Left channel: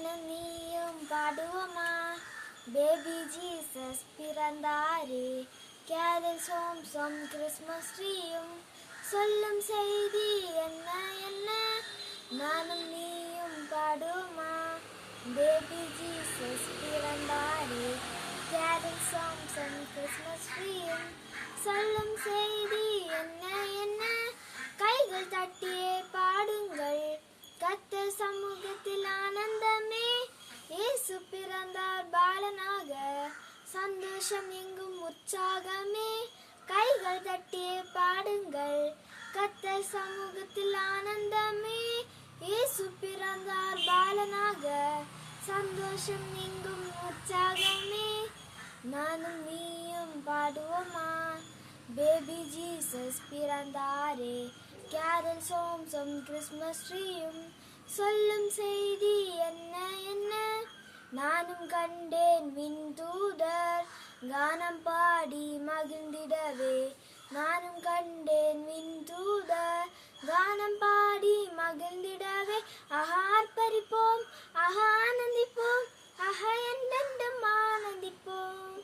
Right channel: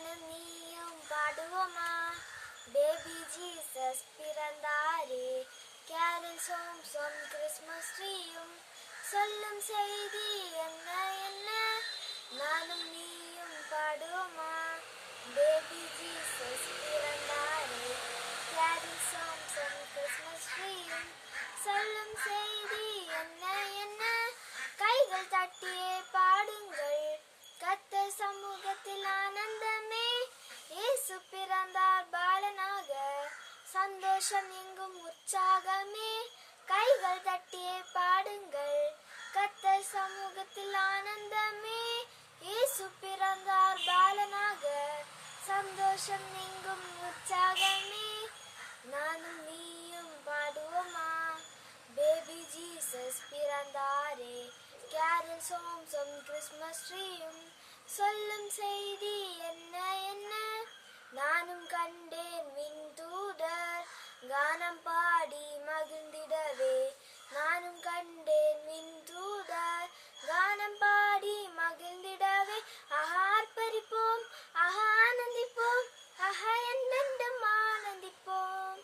நானும் நீயும் பாடுவோமா, பேபி ஜீசஸ் பிறந்தாரே. கேரல் சோம் சோம் கிறிஸ்மஸ் ட்ரீயும் சொல்லும் செய்தி என்ன என்ன, நானும் நீயும் பாடுவோமா, பேபி ஜீசஸ் பிறந்தாரே. கேரல் சோம் சோம் கிறிஸ்மஸ் ட்ரீயும் சொல்லும் செய்தி என்ன என்ன, கைகள் தட்டியே பாடுங்கள் கர்த்தர் சமூகத்தில் ஆனந்தமே. இயேசு பிறந்தார் பாலனாக, சந்தோஷம் எங்கும் உற்சாகமே. கைகள் தட்டியே பாடுங்கள் கர்த்தர் சமூகத்தில் ஆனந்தமே. இயேசு பிறந்தார் பாலனாக, சந்தோஷம் எங்கும் உற்சாகமே. நானும் நீயும் பாடுவோமா, பேபி ஜீசஸ் பிறந்தாரே. கேரல் சோம் சோம் கிறிஸ்மஸ் ட்ரீயும் சொல்லும் செய்தி என்ன என்ன, நானும் கண்டேன் விண்தூதர் கானம் பாடி மகிழ்ந்திடவே. நானும் கண்டேன் விண்தூதர் கானம் பாடி மகிழ்ந்திடவே. ஆர்ப்பரிப்போம் ஆனந்திப்போம், என்றென்றும் ஆனந்திப்போம்.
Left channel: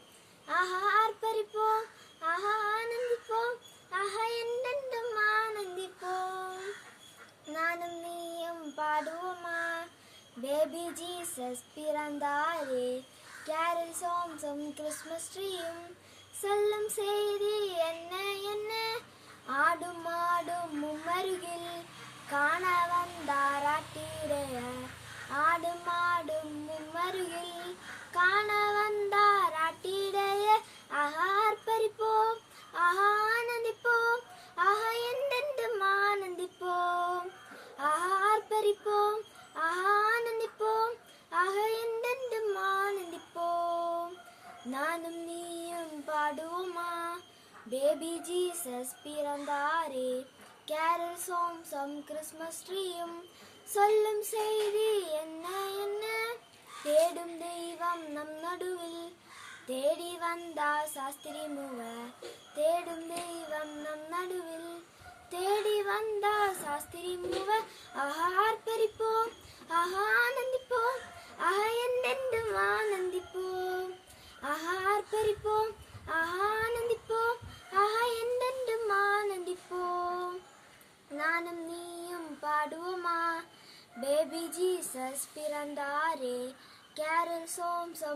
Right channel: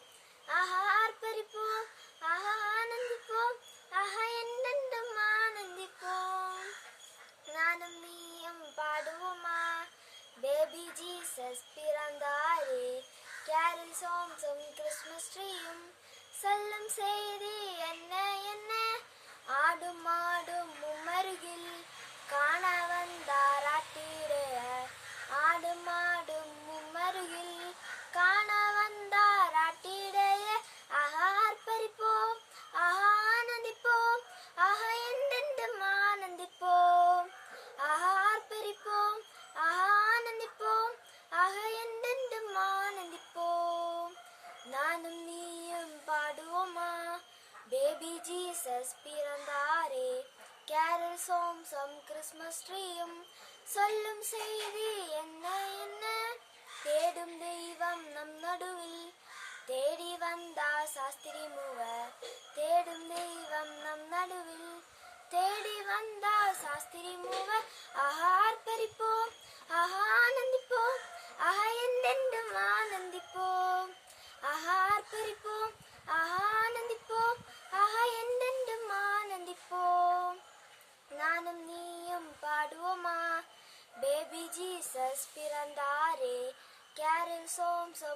ஆர்ப்பரிப்போம் ஆனந்திப்போம், என்றென்றும் ஆனந்திப்போம். நானும் நீயும் பாடுவோமா, பேபி ஜீசஸ் பிறந்தாரே. கேரல் சோம் சோம் கிறிஸ்மஸ் ட்ரீயும் சொல்லும் செய்தி என்ன என்ன, ஆடும் மாடும் மும்மருகில் காண வந்தார் ஆட்டிடைய. ஆடும் மாடும் மும்மருகில் காண வந்தார் ஆட்டிடைய. ஆர்ப்பரிப்போம் ஆனந்திப்போம், என்றென்றும் ஆனந்திப்போம். ஆர்ப்பரிப்போம் ஆனந்திப்போம், என்றென்றும் ஆனந்திப்போம். நானும் நீயும் பாடுவோமா, பேபி ஜீசஸ் பிறந்தாரே. கேரல் சோம் சோம் கிறிஸ்மஸ் ட்ரீயும் சொல்லும் செய்தி என்ன என்ன, தேடும் தெய்வம் நம் நடுவில் தேடி வந்தா சாஸ்திரி மூவர். தேடும் தெய்வம் நம் நடுவில் தேடி வந்தா சாஸ்திரி மூவர். ஆர்ப்பரிப்போம் ஆனந்திப்போம், என்றென்றும் ஆனந்திப்போம். ஆர்ப்பரிப்போம் ஆனந்திப்போம், என்றென்றும் ஆனந்திப்போம். நானும் நீயும் பாடுவோமா, பேபி ஜீசஸ் பிறந்தாரே. கேரல் சோம் சோம்